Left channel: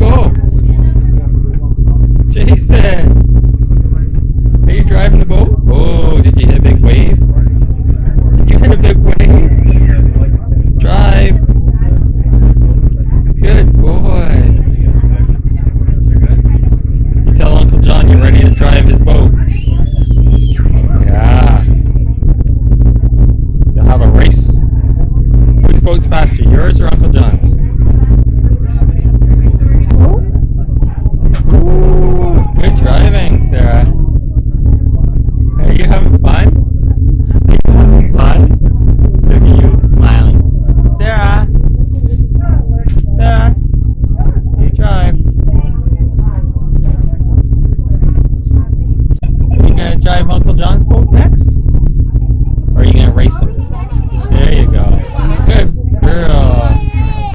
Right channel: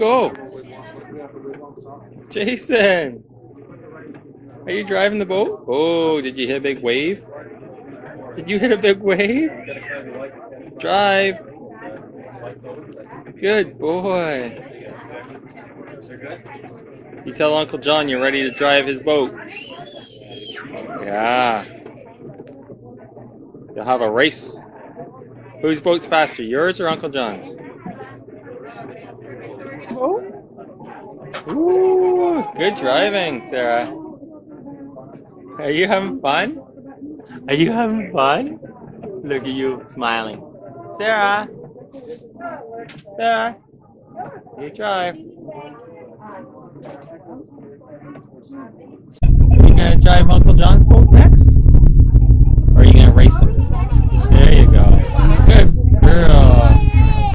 go? Jason! Are you driving the boat? Oh, did you hit a big wave? Did you hit a big wave? Drive! Good boy! You tell Uncle John you're ready to drive his boat. Yeah. You'll have a race. Whose boat's faster, yours or Uncle John's? Ooh, good driving, Sarah. Are you having fun? Are you having fun? Look at you smiling. Sarah! Sarah! You drive. You gonna drive Uncle